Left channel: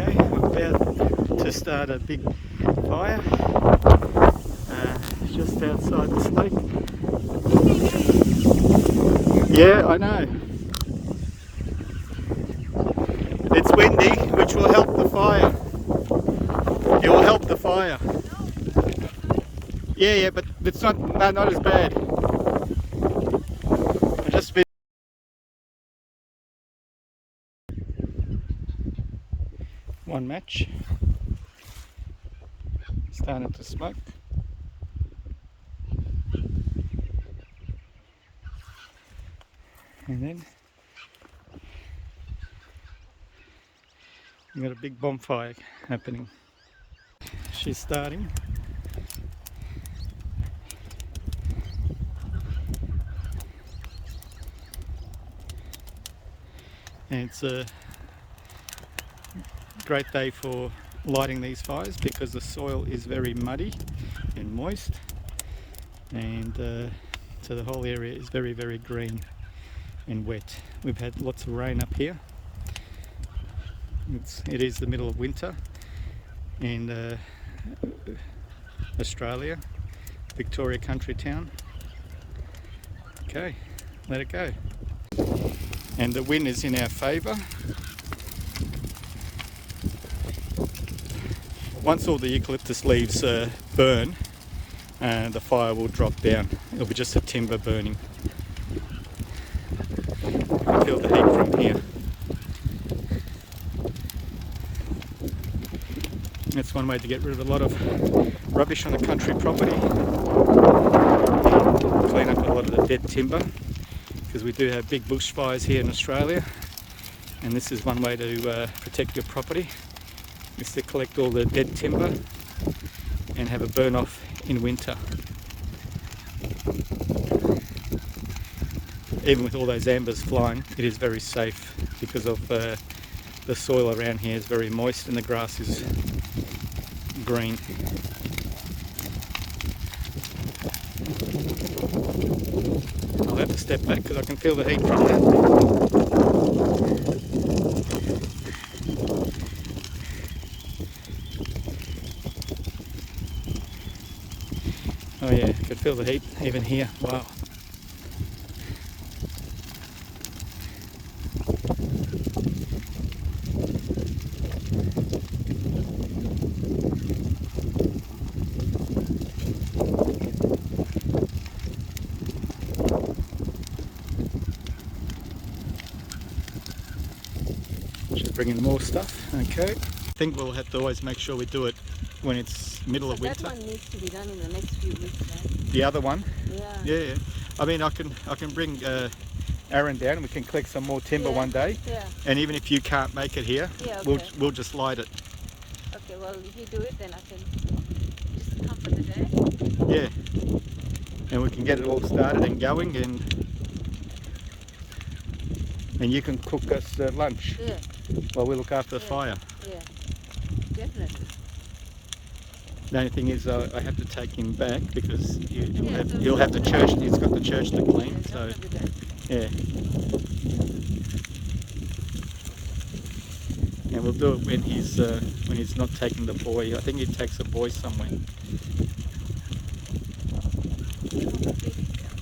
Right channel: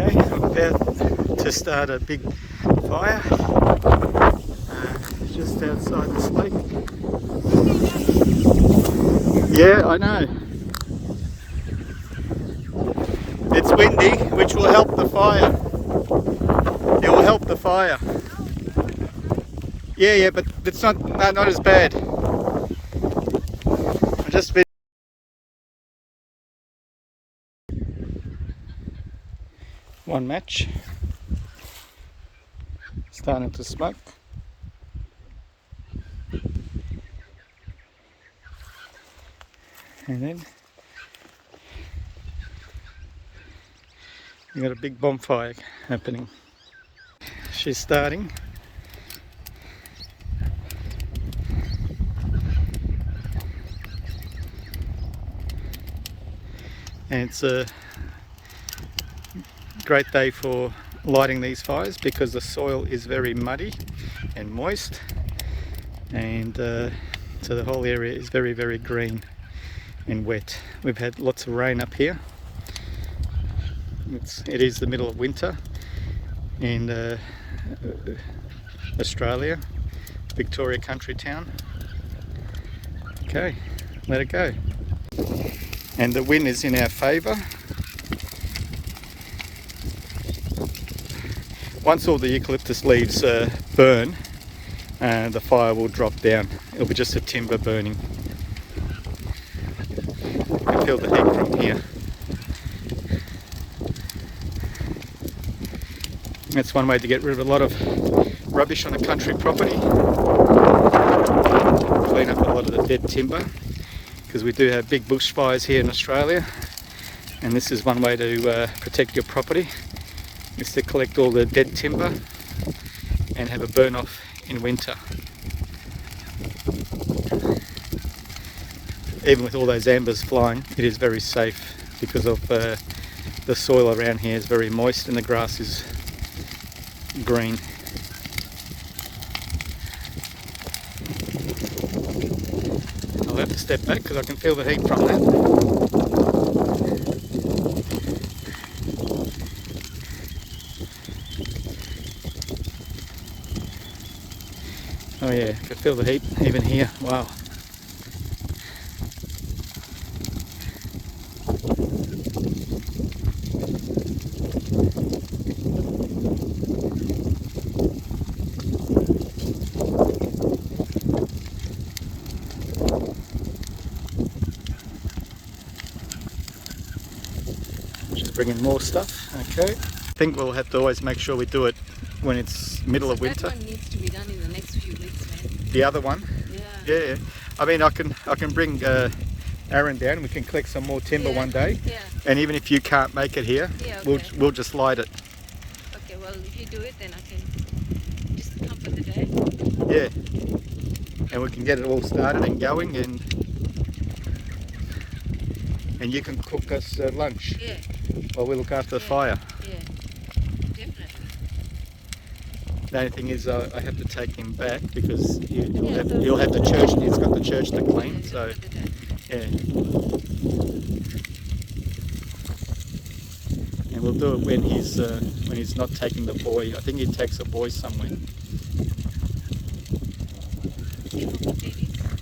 Okay, I'm about to start a big fire just outside this lake. Yeah, I know. It's windy, which will help the fire. It will help the fire. Yeah, but it's not as bad. I just been one match, starting to smoke. And then we got a big bonfire happening. She's starting. And it's a great day for lighting these fires because the soil is very muddy and moist, and so the whole area is very, very green and wet. We've had lots of rain up here. It is the middle of winter in Australia, Victoria country town. Okay, let it go. And the wind is in our favour. Once all the eucalyptus leaves burn, the fire will drop down. It'll be just a timber burning. You can feel the heat from here. That's one way to get rid of a lot of rubbish on a country property. Clean up a lot of the dead timber, because we do have big bushfires here in Australia, and this is one way to protect your property, is to collect all the dead timber and have a burn off in winter. Even with all those ambers flying, it is very safe because of the soil around here is very moist and the grass is green. I'll have to step back because I can feel the heat from that. Oh yeah, I could feel the heat even here. Wow. She's bringing more stuff. Okay. I think we'll have to always make sure we do it when it's middle of winter. That one needs to be done in the next few weeks, right? The other one? Yeah. Yeah. I mean, I can bring Aaron down. We can collect some more timber one day. Yeah. And even if you can't make it here, Yeah, okay. we'll just light it. Okay, well, if you do it, then I can just come for the day. Yeah. And we can get it all started and going, and you can cook us lunch. Yeah. While we look after the fire. Yeah, definitely. The only thing is I have to take him back because you'll have the church. He's got the church to clean. So yeah. And we'll do it when he's not taking the boy. I think he takes a boy somewhere.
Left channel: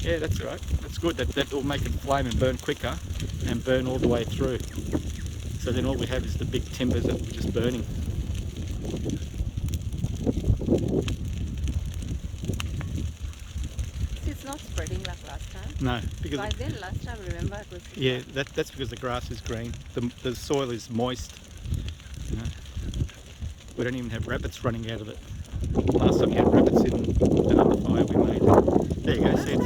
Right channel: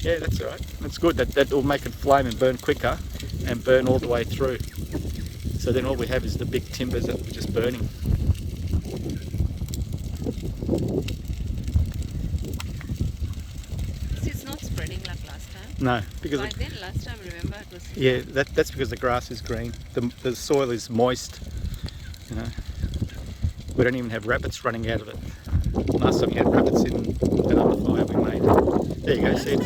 Yeah, that's all right. That's good. That will make it flame and burn quicker and burn all the way through. So then all we have is the big timbers that we're just burning. It's not spreading like last time. No, because Like then last time, remember, it was... yeah, that's because the grass is green. The soil is moist. You know, we don't even have rabbits running out of it. Last time we had rabbits in that other fire we made. There you go. See it?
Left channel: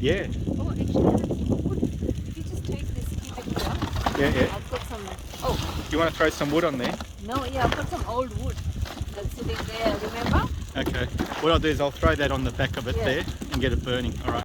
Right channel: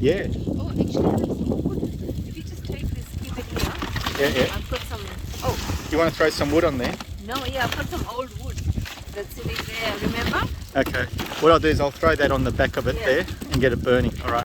Yeah. Oh, actually, that's wood. If you just take this, keep it here. Yeah. I'll put some... Oh, Do you want to throw some wood on there? no, yeah, I'll put some old wood that's sitting there, remember? Okay. What I'll do is I'll throw that on the back of it there and get it burning. All right.